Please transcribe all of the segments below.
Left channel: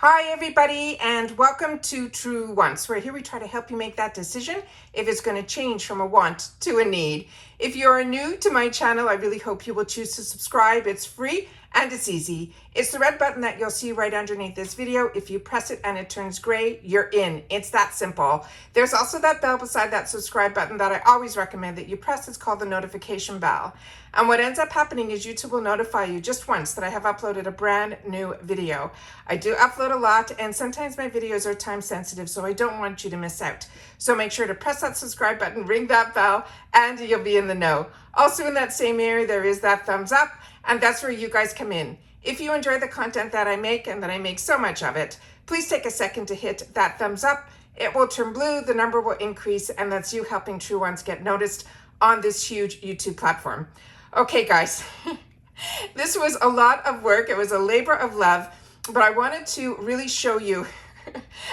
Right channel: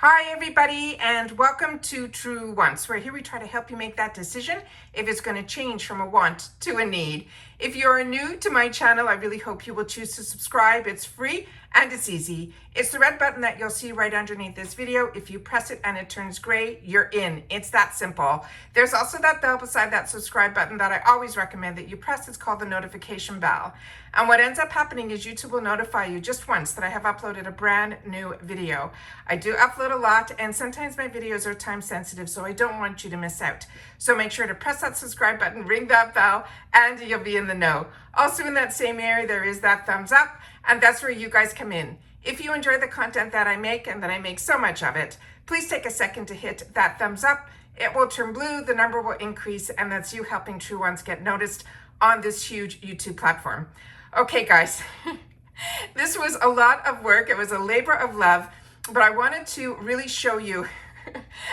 Hi everybody, and welcome to True Wants, where here we try to help you make that decision if it's going to change from a want to a need. If you're new to my channel, I really hope you will choose to subscribe. It's free and it's easy. It's the red button that you'll see right underneath this video. If you press it and it turns gray, you're in. It's that simple. There's also that bell beside that subscribe button that I always recommend that you press. It's called the notification bell. And what ends up happening is YouTube will notify you just once that I have uploaded a brand new video. I do upload a lot, and sometimes my videos are time sensitive, so I don't want you to miss out. So make sure to press that subscribe button, ring that bell, and you'll be in the know. Also in that same area, there is that thumbs up, and that's where you guys come in. If you enjoy the content that I make, and that I make so much of it, please take a second to hit that thumbs up. It will turn blue, the number will increase, and that's you helping True Ones get noticed on this huge YouTube platform. Okay, guys, this was a lot of work. It was a labor of love, but I wanted to really show you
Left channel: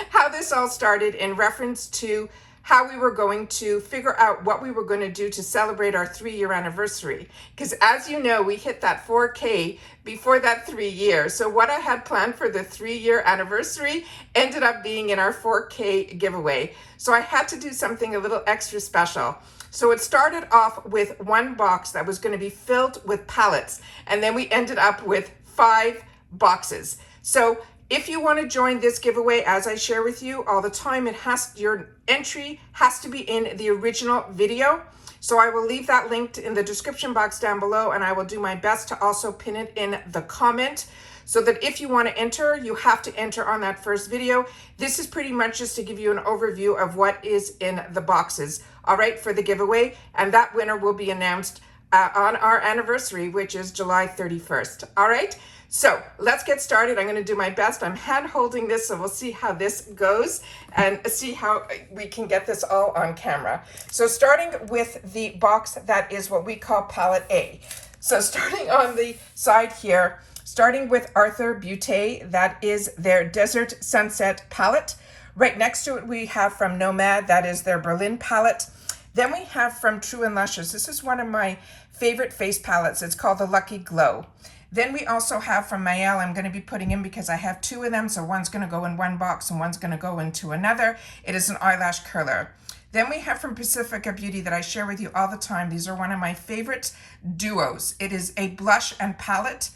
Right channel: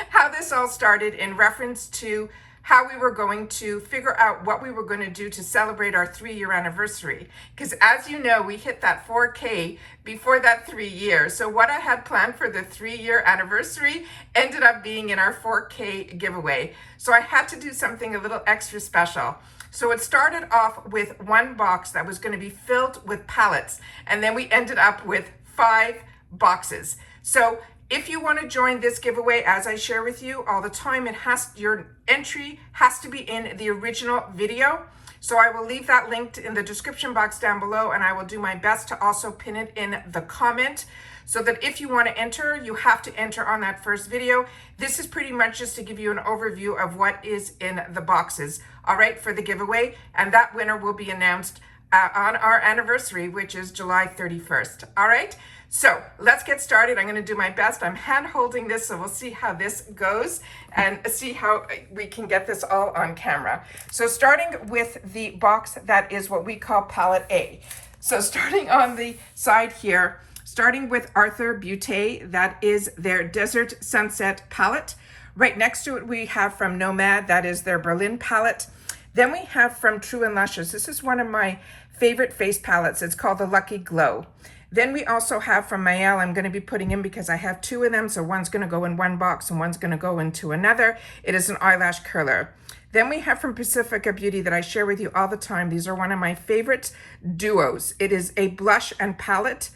how this all started in reference to how we were going to figure out what we were going to do to celebrate our 3-year anniversary. Because as you know, we hit that 4K before that 3 years. So what I had planned for the 3-year anniversary ended up being in our 4K giveaway. So I had to do something a little extra special. So it started off with one box that was going to be filled with pallets, and then we ended up with 5 boxes. So if you want to join this giveaway, as I share with you all the time, your entry has to be in the original video. So I will leave that linked in the description box down below, and I will do my best to also pin it in the comment, so that if you want to enter, you have to enter on that first video. This is pretty much just to give you an overview of what is in the boxes, all right, for the giveaway. And that winner will be announced on our anniversary, which is July 31st, all right? So let's get started. I'm going to do my best. I'm hand holding this, so we'll see how this goes and see how we can get this all on camera. So starting with the box that is what we call palette A. So starting on the side here, starting with Arthur Butte, that is their Desert Sunset palette. Right next to it, we have from Nomad, that is their Berlin palette. Then we have from True and Luscious. This is one of my favorite face palettes. It's called the Lucky Glow. Then we also have from Mayel, I'm going to be putting in because I have 2 of them, so one's going to go in one box and one's going to go into another. It is an eyelash curler. Then we have from Pacifica Beauty that I share with you all the time. These are one of my favorite duos. It is a blush and palette.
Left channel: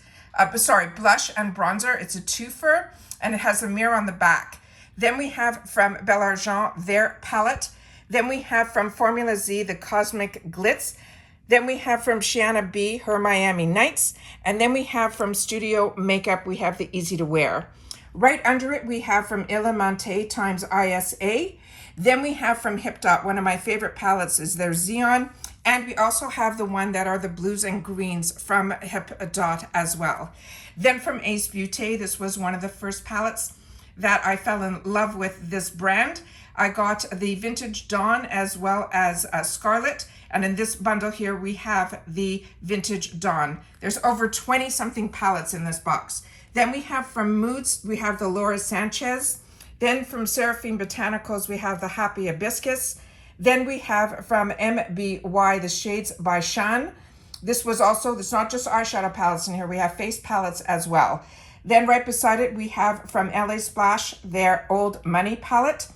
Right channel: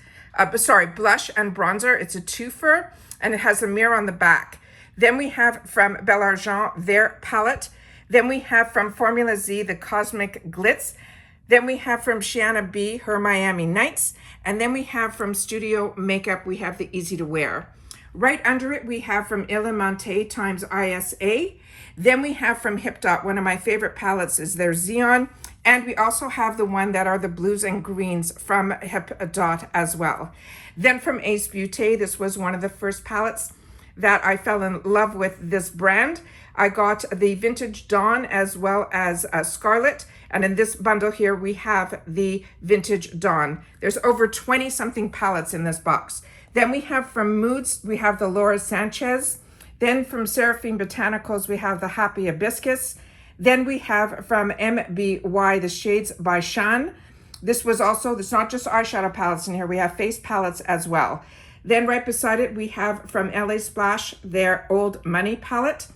Blush and bronzer. It's a twofer, and it has a mirror on the back. Then we have from Belle Argent, their palette. Then we have from Formula Z, the Cosmic Glitz. Then we have from Shiana B, her Miami Nights. And then we have from Studio Makeup, we have the Easy to Wear. Right under it, we have from Illuminate times ISA. Then we have from Hip Dot, one of my favorite palettes is their Xeon. And we also have the one that are the blues and greens from Hip Dot as well. Then from Ace Beauté, this was one of the first palettes that I fell in love with this brand. I got the Vintage Dawn as well as Scarlet. And in this bundle here, we have the Vintage Dawn. There's over 20 something palettes in this box. Then we have from Moods, we have the Laura Sanchez. Then from Seraphine Botanicals, we have the Happy Hibiscus. Then we have from MBY, the Shades by Shan. This was also, it's not just eyeshadow palettes in here, we have face palettes as well. Then right beside it, we have from LA Splash, their Old Money palette,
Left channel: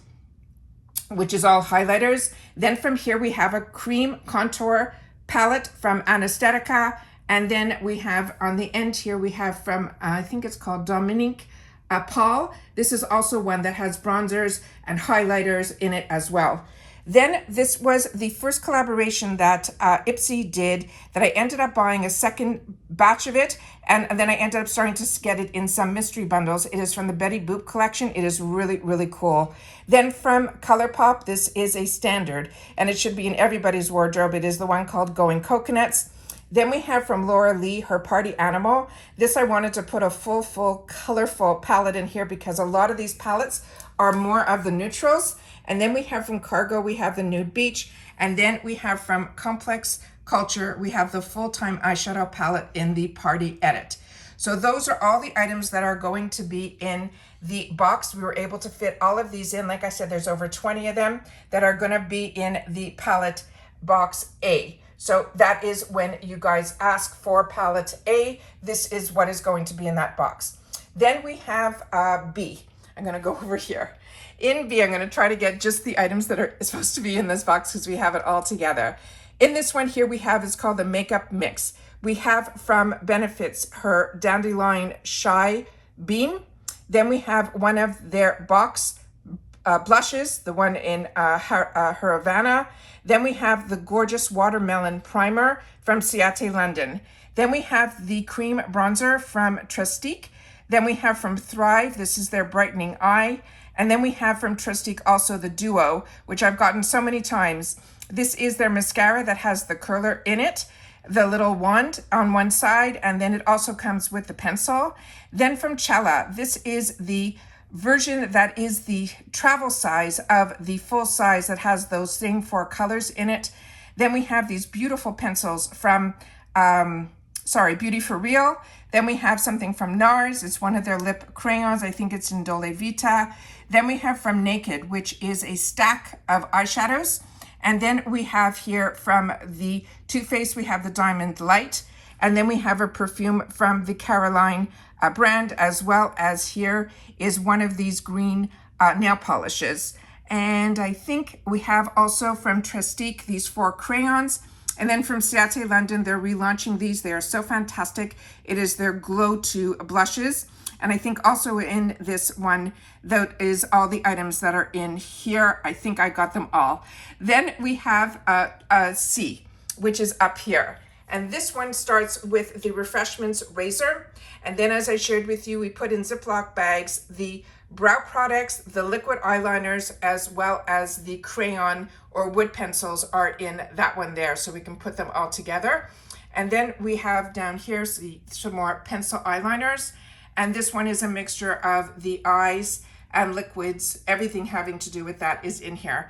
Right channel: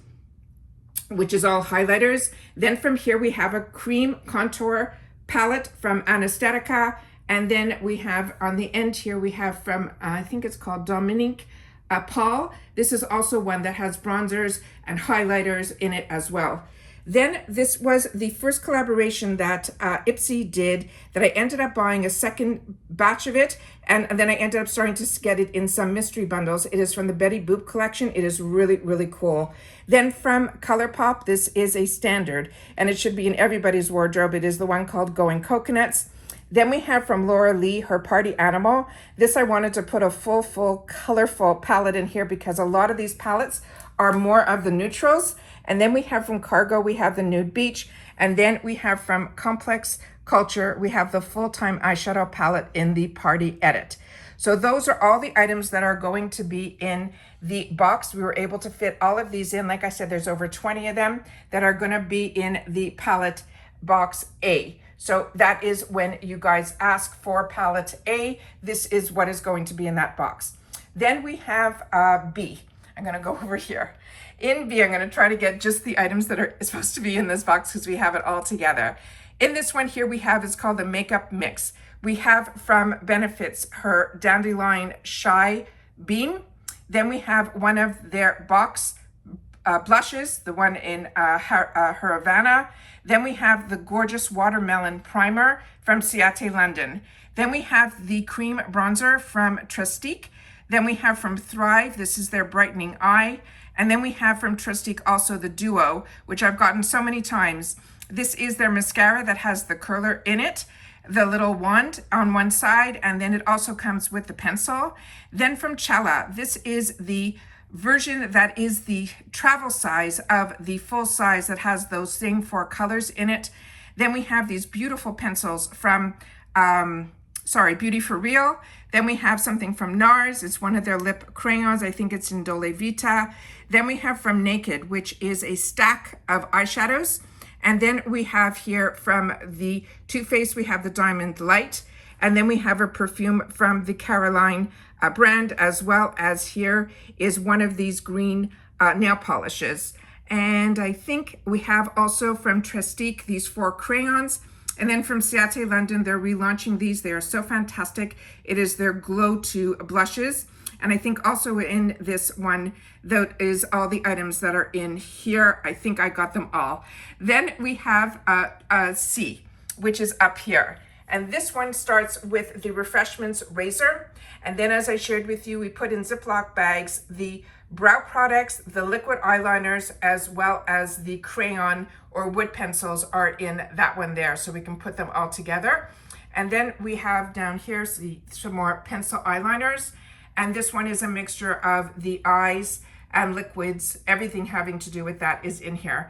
which is all highlighters. Then from here, we have a cream contour palette from Anesthetica. And then we have on the end here, we have from, I think it's called Dominique Paul. This is also one that has bronzers and highlighters in it as well. Then this was the first collaboration that Ipsy did that I ended up buying a second batch of it. And then I ended up starting to get it in some mystery bundles. It is from the Betty Boop collection. It is really, really cool. Then from ColourPop, this is a standard and it should be in everybody's wardrobe. It is the one called Going Coconuts. Then we have from Laura Lee, her Party Animal. This I wanted to put a full, colorful palette in here because a lot of these palettes are more of the neutrals. And then we have from Cargo, we have the Nude Beach. And then we have from Complex Culture, we have the Full-Time Eyeshadow Palette in the Party Edit. So those are all the items that are going to be in the box. We were able to fit all of these in. Like I said, there's over 20 of them that are going to be in the palette box A. So that is when you guys ask for palette A, this is what is going to be in that box. Then we have B. I'm going to go over here. In B, I'm going to try to get just the items that are supposed to be in this box because we have it all together. In this one here we have, it's called the Makeup Mix. We have from Benefits her Dandelion Shy Beam. Then we have one of their box blushes, the one in her Havana. Then we have the gorgeous Watermelon Primer from Ciate London. Then we have the Cream Bronzer from Trustique. Then we have from Thrive, this is their Brightening Eye. And then we have from Trustique also the Duo, which I've gotten so many times. This is their mascara that has the curler in it, the little wand on one side, and then it also comes with the pencil. Then from Cella, this is the version that is the travel size of the full size that has those same 4 colors in it. Then we have these beautiful pencils from Beauty for Real. Then we have something from NARS. It's one of their lip crayons. I think it's in Dole Vita. Then we have from Naked, which is a stack of eyeshadows. And then we have here from the Too Faced, we have the Diamond Light. And then we have a perfume from the Caroline brand, as well as here is one of these green nail polishes. And I think we have also from Trustique these 4 crayons. And then from Ciate London, they're relaunching these. They are so fantastic. It is their Glow 2 blushes. And I think also in this one, that is all the items that are in here. I think I got them all. Then we have a C, which is up here. And this one starts with the Refreshments Razor. And then as I shared with you, we put in Ziploc bags the brow products, the liquid eyeliners, as well as the crayon or wood pencils are in that one there. So we can put them all together. And then we have down here some more pencil eyeliners. And this one is a mixture of the eyes and liquids. Everything having to do with that is in here.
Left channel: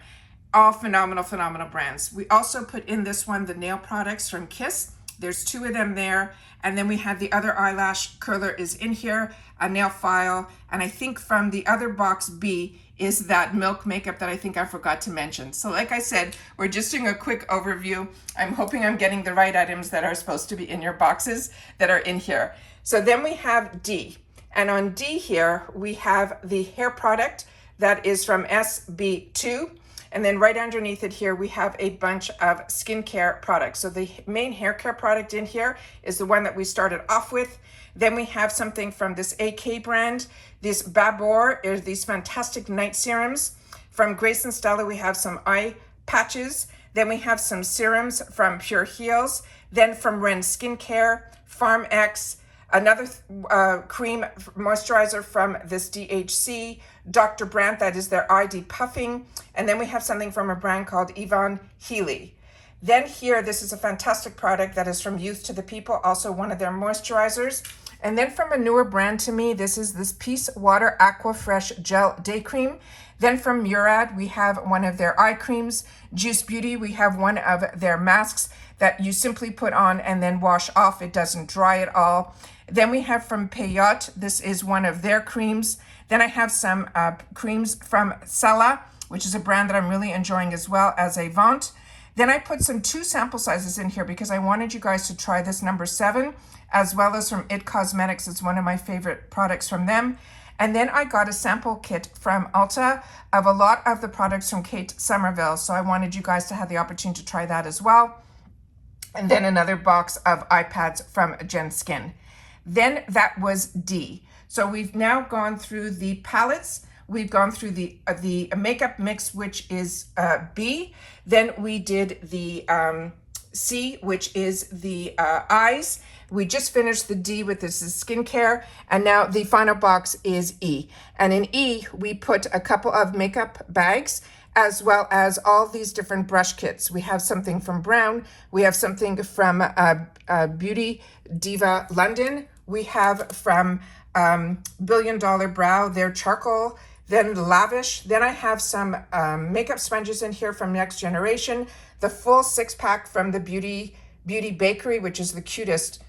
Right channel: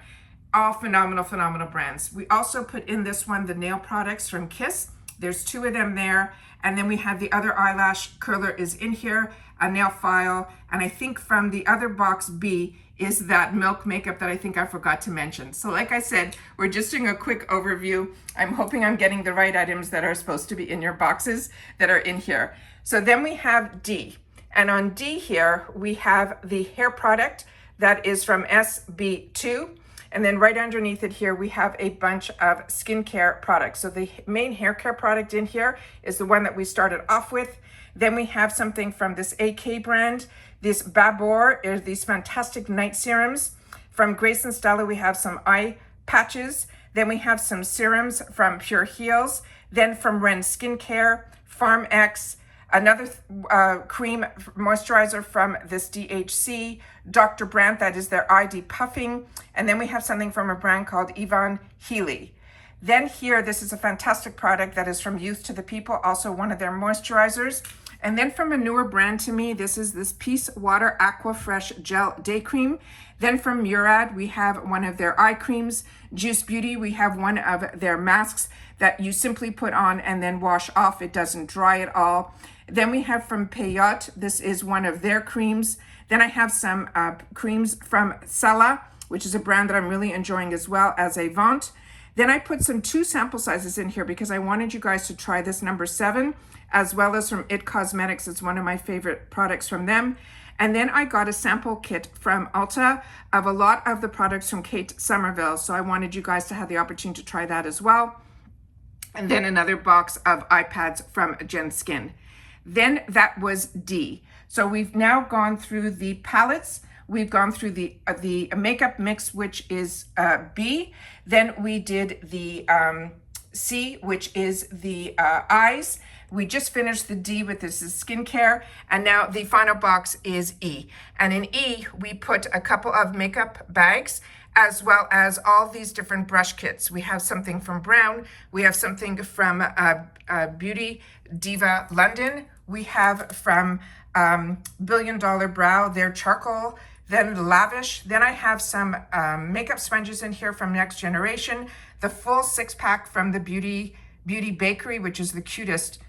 All phenomenal, phenomenal brands. We also put in this one, the nail products from Kiss. There's 2 of them there. And then we have the other eyelash curler is in here, a nail file. And I think from the other box B is that Milk makeup that I think I forgot to mention. So like I said, we're just doing a quick overview. I'm hoping I'm getting the right items that are supposed to be in your boxes that are in here. So then we have D. And on D here, we have the hair product that is from SB2. And then right underneath it here, we have a bunch of skincare products. So the main hair care product in here is the one that we started off with. Then we have something from this AK brand. This Babor is these fantastic night serums. From Grace and Stella, we have some eye patches. Then we have some serums from Pure Heals. Then from Ren Skincare, Farm X, another cream moisturizer from this DHC, Dr. Brandt, that is their ID Puffing. And then we have something from a brand called Yvonne Healy. Then here, this is a fantastic product that is from Youth to the People, also one of their moisturizers. And then from a newer brand to me, this is this Peace Water Aqua Fresh Gel Day Cream. Then from Murad, we have one of their eye creams. Juice Beauty, we have one of their masks that you simply put on and then wash off. It doesn't dry at all. Then we have from Payot, this is one of their creams. Then I have some creams from Sella, which is a brand that I'm really enjoying as well as Avant. Then I put some 2 sample sizes in here because I wanted you guys to try this number 7, as well as from IT Cosmetics. It's one of my favorite products from them. And then I got a sample kit from ULTA of a lot of the products from Kate Somerville. So I wanted you guys to have the opportunity to try that as well. And then another box of iPads from Jen Skin. Then that was D. So we've now gone through the palettes. We've gone through the makeup mix, which is B. Then we did the C, which is the eyes. We just finished the D with this is skincare. And now the final box is E. And in E, we put a couple of makeup bags, as well as all these different brush kits. We have something from Brown. We have something from Beauty Diva London. We have from Billion Dollar Brow, their charcoal, then Lavish. Then I have some makeup sponges in here from Next Generation, the full 6-pack from the Beauty Bakery, which is the cutest,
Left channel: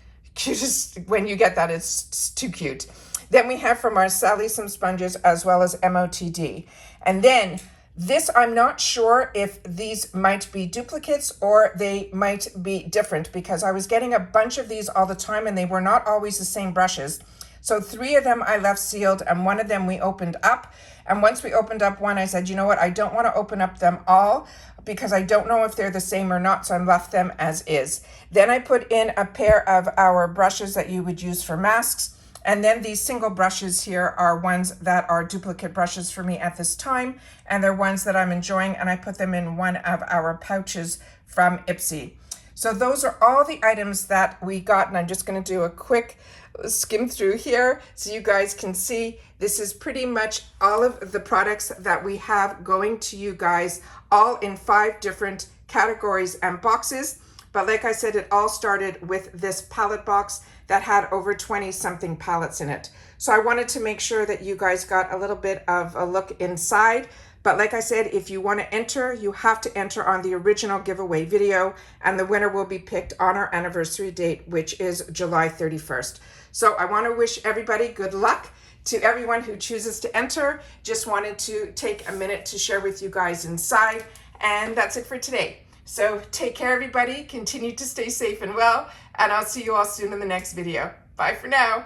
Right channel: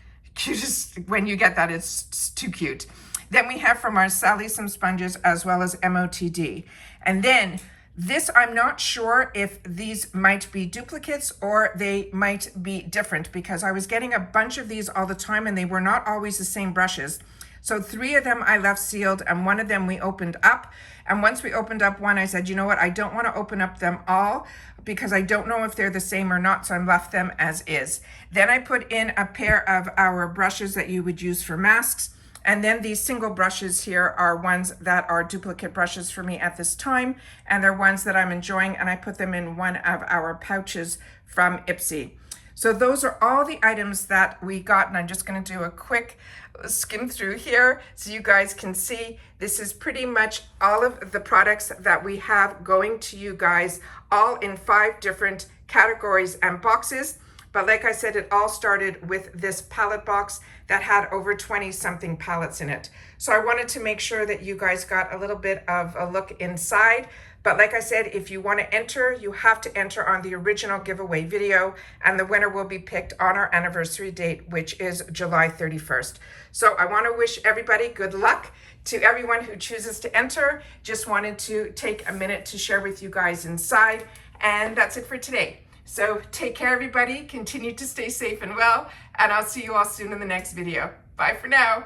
when you get that, it's too cute. Then we have from our Sally some sponges as well as MOTD. And then this, I'm not sure if these might be duplicates or they might be different because I was getting a bunch of these all the time and they were not always the same brushes. So 3 of them I left sealed and 1 of them we opened up. And once we opened up one, I said, you know what, I don't want to open up them all because I don't know if they're the same or not, so I left them as is. Then I put in a pair of our brushes that you would use for masks. And then these single brushes here are ones that are duplicate brushes for me at this time, and they're ones that I'm enjoying, and I put them in one of our pouches from Ipsy. So those are all the items that we got, and I'm just going to do a quick skim through here so you guys can see. This is pretty much all of the products that we have going to you guys, all in 5 different categories and boxes. But like I said, it all started with this palette box that had over 20 something palettes in it. So I wanted to make sure that you guys got a little bit of a look inside. But like I said, if you want to enter, you have to enter on the original giveaway video, and the winner will be picked on our anniversary date, which is July 31st. So I want to wish everybody good luck. To everyone who chooses to enter, just wanted to take a minute to share with you guys inside, and that's it for today. So take care, everybody. Continue to stay safe and well, and I'll see you all soon in the next video. Bye for now.